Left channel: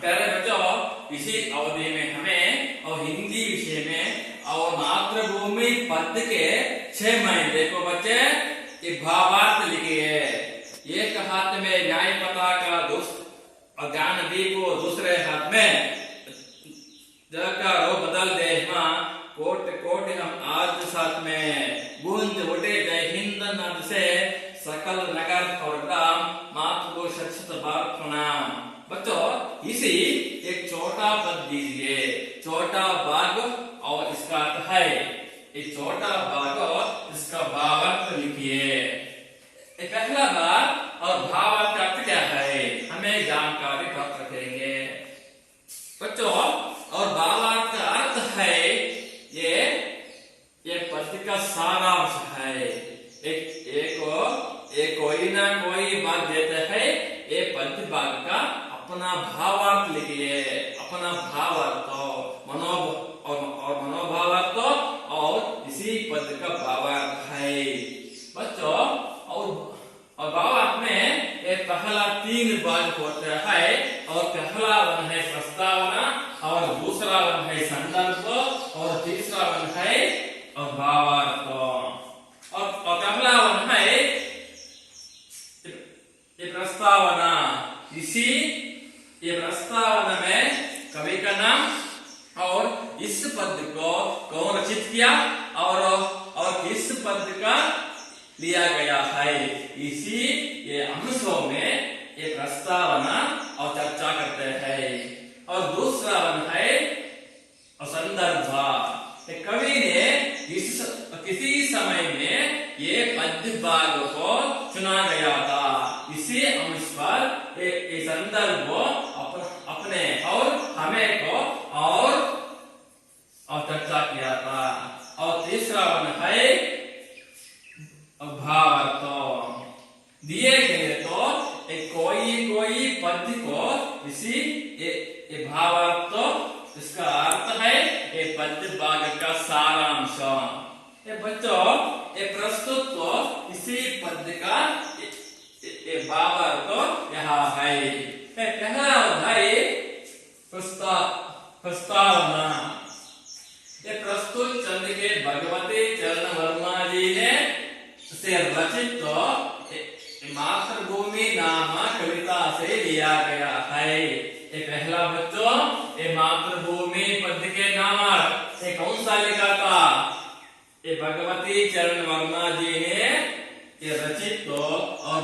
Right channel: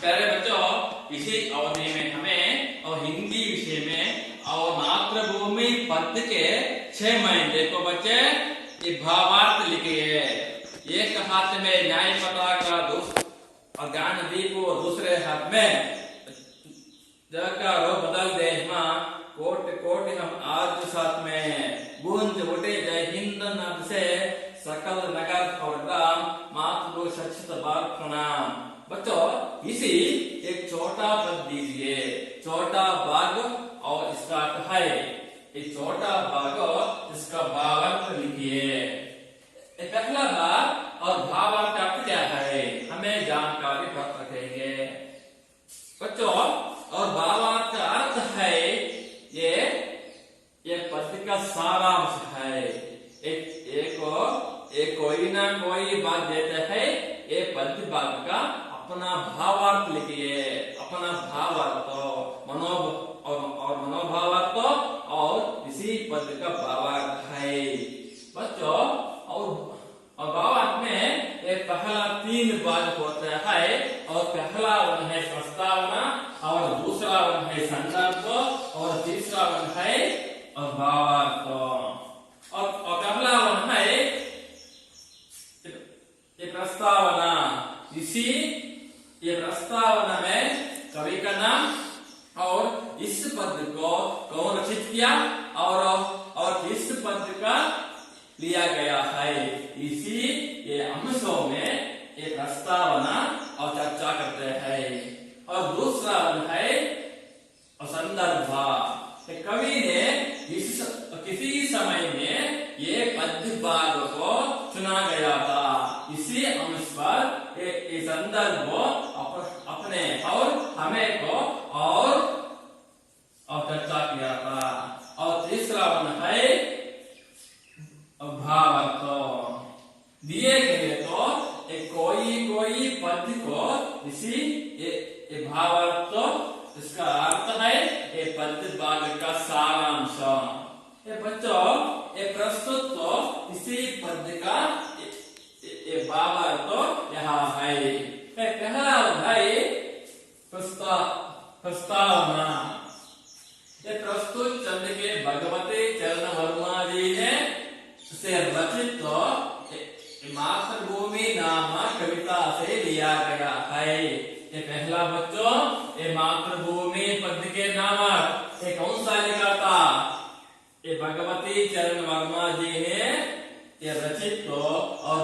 प्यारे बच्चों, इसी अवधि में हमें और हिंदी विषय में और मातृभूमि पद के 6 महीने देखो बच्चे, ये भावार्थ लिखिए। एक हाथ में न्याय पताका और ज्ञानदीप को दूसरे हाथ में जग का रो बदल दे माँ कोट कोट हम आज साथ में गूंज उठे जय हिंद नाद से सकल नगर और ग्राम मातृभूमि सचत भारत प्रणाम। बच्चों, इसी एक छोटा पद दीजिए, छोटा भाग और इसका अर्थ है। एक छोटा भाग और इसका भावार्थ लिखिए। पहला भाग और भावार्थ का अर्थ क्या है, हमें जानकारी प्राप्त रखेंगे बच्चों। और भावार्थ का अर्थ है ये पद का सारांश है। एक कोई ना कोई बात देते हैं, ये पद भाग का अपना भावार्थ लिखिए। अपना भावार्थ और मनोभावार्थ और इसी पद का भावार्थ है बच्चों। और भावार्थ में एक पहला 3 भाग होता है। और पहला वन है प्रस्तावना, और दूसरा वन है संदर्भ, और तीसरा वन है भावार्थ। और पहला वन है ये प्रस्तावना। ये प्रस्तावना में कवि का नाम और इस पद को कौन रचित किया और किस पद का लिया गया है, इसी ये अंशों में ये प्रस्तावना और चर्चा करते हैं। और दूसरा वन है संदर्भ। कवि ने किसी समय में ये पद्य भाग को चुना गया था, इसी अंश पर ये संदर्भ अपने और हमें को और चर्चा किया था। और तीसरा वन है भावार्थ। दिए गए तो कोई पद को इसी ये भावार्थ, इसका अर्थ है ये पद भाग का सारांश। बच्चों, ये प्रस्तुत तो इसी पद का ये भावार्थ यहाँ है। पहला है प्रस्तावना। ये प्रस्तुत चंद के भगवती चरण वर्मा जी ने से रचित मातृभूमि नाम कविता से लिया गया है। ये पहला बच्चों, ये मातृभूमि पद के नामक ये कौन सा लिखा था, ये भगवती चरण वर्मा जी ने ये रचित और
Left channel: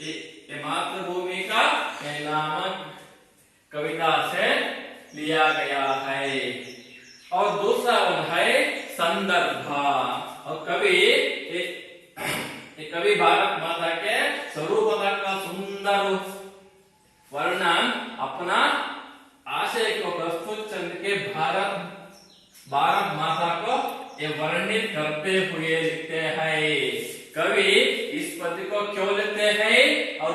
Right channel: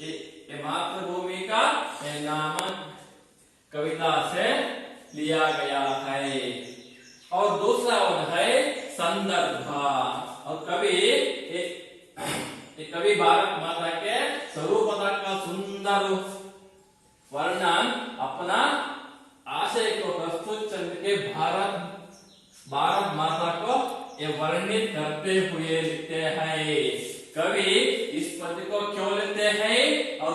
ये मातृभूमि का नामक कविता से लिया गया है। और दूसरा वन है संदर्भ। और कवि भारत माता के स्वरूप का सुंदर वर्णन अपना आशय को प्रस्तुत चंद के भारत माता को ये वर्णित करते हुए लिखते हैं। कवि इस पद को क्यों लिखते हैं और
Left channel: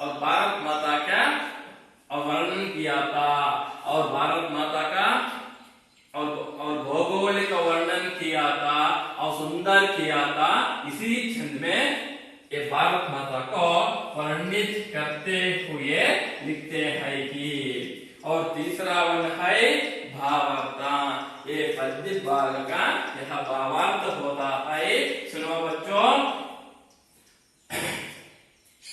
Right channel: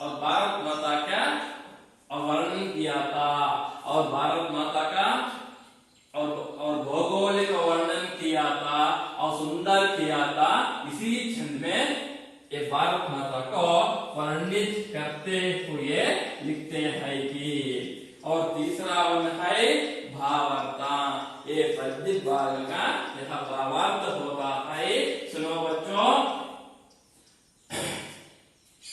भारत माता का वर्णन किया था, और भारत माता का और भौगोलिक वर्णन किया था और सुंदर किया था, इसी छंद में ये भारत माता को वर्णित करते हुए लिखते हैं कि। और तीसरा वन है भावार्थ। ये पद्य भाग का यह भावार्थ होता है। सुनो बच्चों,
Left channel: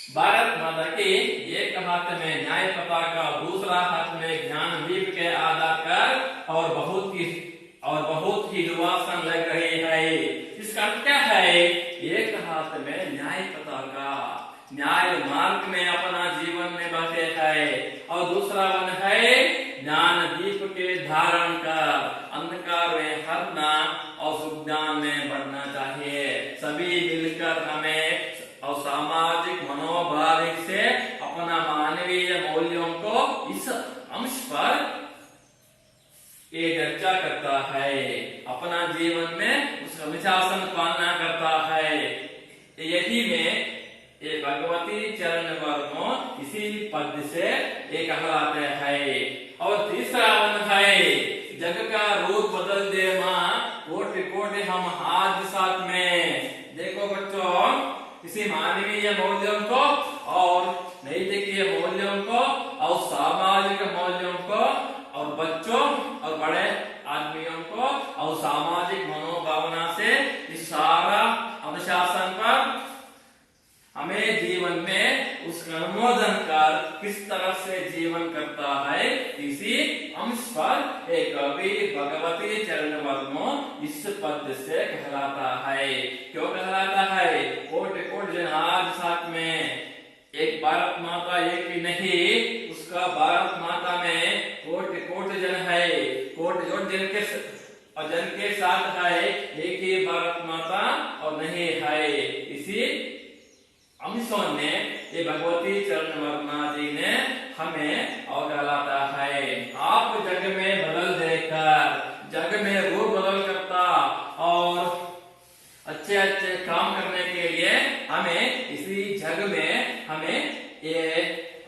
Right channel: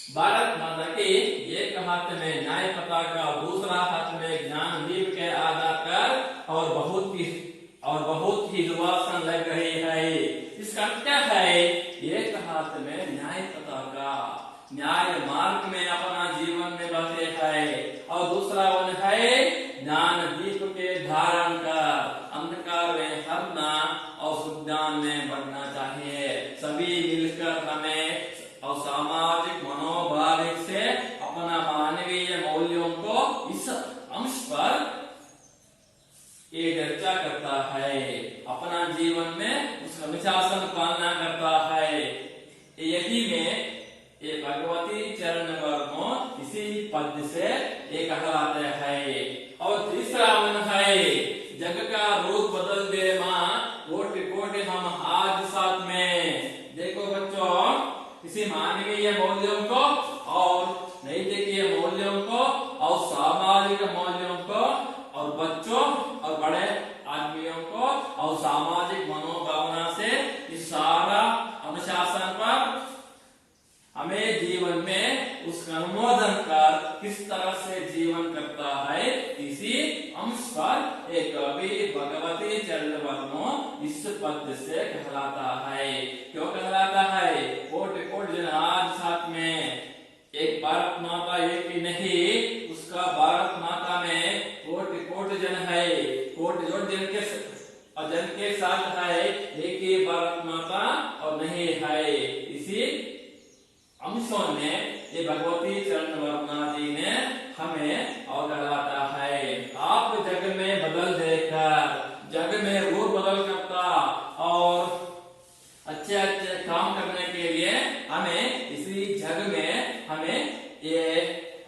भारत माता की एक हाथ में न्याय पताका, दूसरा हाथ में ज्ञान दीप के आधार पर और बहुत ही दुर्वासन लग रही है। इसका क्या है, एक हाथ में न्याय पताका, न्याय मार्ग में अपना जीवन में बसे है, और दूसरा वन है ज्ञान दीप के धारण कर अंधकार में हरना और सुज्ञान में बढ़ना चाहिए। सभी मिलकर हमें और सामाजिक मनोभाविक से अपना मानवीय मूल्यों को इस अंश पर ये चर्चा करता है, अपना जीवन में उसका अनुशासन पालना करता है। यही में ये भगवती चरण वर्मा इसी पद से ये कहलाते हैं। और तीसरा वन है जग का रूप बदल दे माँ कोटि कोटि हम आज साथ में। देखो बच्चों, इसी मानवीय मूल्यों को और नैतिक मूल्यों को और सामाजिक सामाजिक मूल्यों को और बच्चों और बड़े आदमियों को और सामाजिक मनोभावना से इस सारा अनुशासन पर हमें जीवन में उसका अनुमोदन कर किस तरह से जीवन करता है इसी अंश पर एक कवि भगवती चरण वर्मो इस पद से कहलाता है। क्यों कहलाता है? कोट कोट जन आज साथ में एक भारत माता एक ही नहीं, उसका भारत माता में कोट कोट जन है, कोट जोट जन के साथ है, एक ही भारत माता और नहीं है। इसी अंशों ने ये भगवती चरण वर्मा जी ने हमें और कहलाता है। आप जग में बदल देकर जग में रूप बदल करता और अच्छे अच्छे काम करने के लिए हमें इसी जग में हमें ये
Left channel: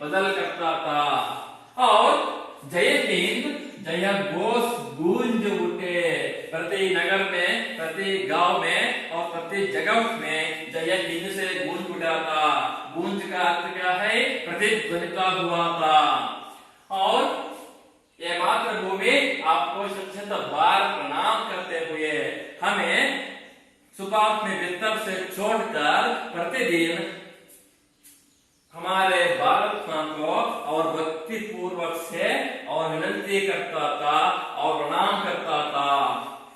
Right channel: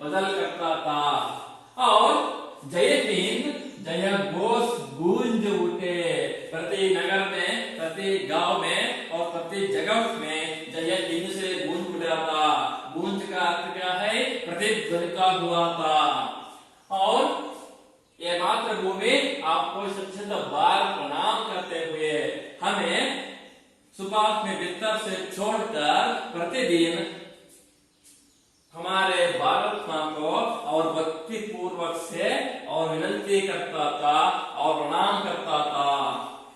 बदल करता था। और जय हिंद जय घोष गूंज उठे प्रति नगर में, प्रति गांव में और प्रति जगह में जय हिंद से गूंज उठा था। गूंज का अर्थ क्या है? प्रतिध्वनिता हुआ था। और ये मातृभूमि आपको शत बार प्रणाम करते हुए हमें सुबह में बिस्तर से छोड़कर प्रतिदिन हमारे भारत मां को और भक्ति पूर्वक से और विनती करता था और प्रणाम करता था।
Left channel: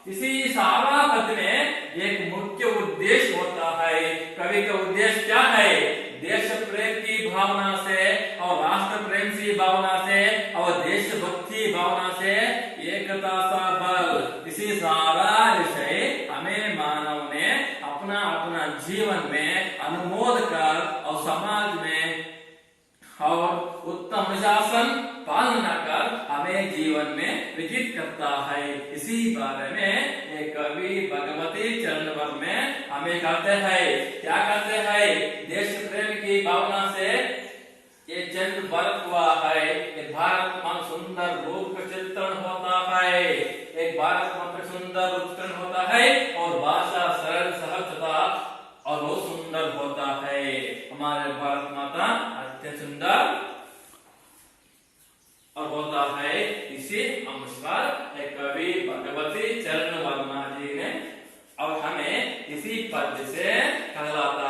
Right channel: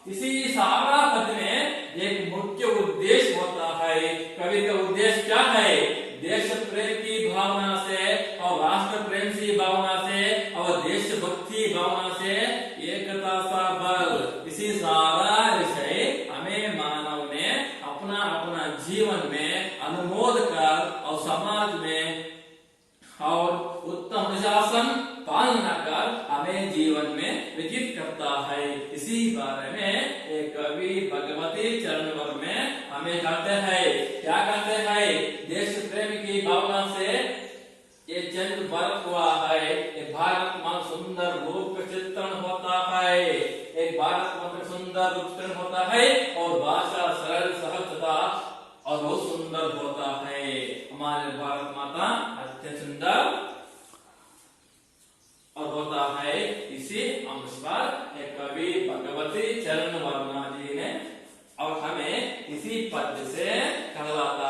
इसी सारा पद में एक मुख्य उद्देश्य होता है। कवि का उद्देश्य क्या है? देश प्रेम की भावना से और राष्ट्र प्रेम की भावना से और देशभक्ति भावना से एकता सा बल, इसी सारा विषय हमें मानव ने अपना अपना जीवन में अनुमोद कर और समाज में और उत्तम अनुशासन पालन कर हमें जीवन में विजित करता है। इसी बारे में एक कवि भगवती चरण वर्मा में हमें कहते हैं, क्या कहते हैं? देश प्रेम की भावना से ये जन्म भारत हुआ है। एक भारत मां सुंदर रूप का चित्रण होता है, एक भारत मां का सुंदर रूप चित्रण होता है और भाषा सरल सहज तथा और बहुत सुंदर होता है। हमारे भारत माता अत्यंत सुंदर और होता है। इसी अंश पर एक कवि भगवती चरण वर्मा जी ने और हमें इसी पद से कहलाता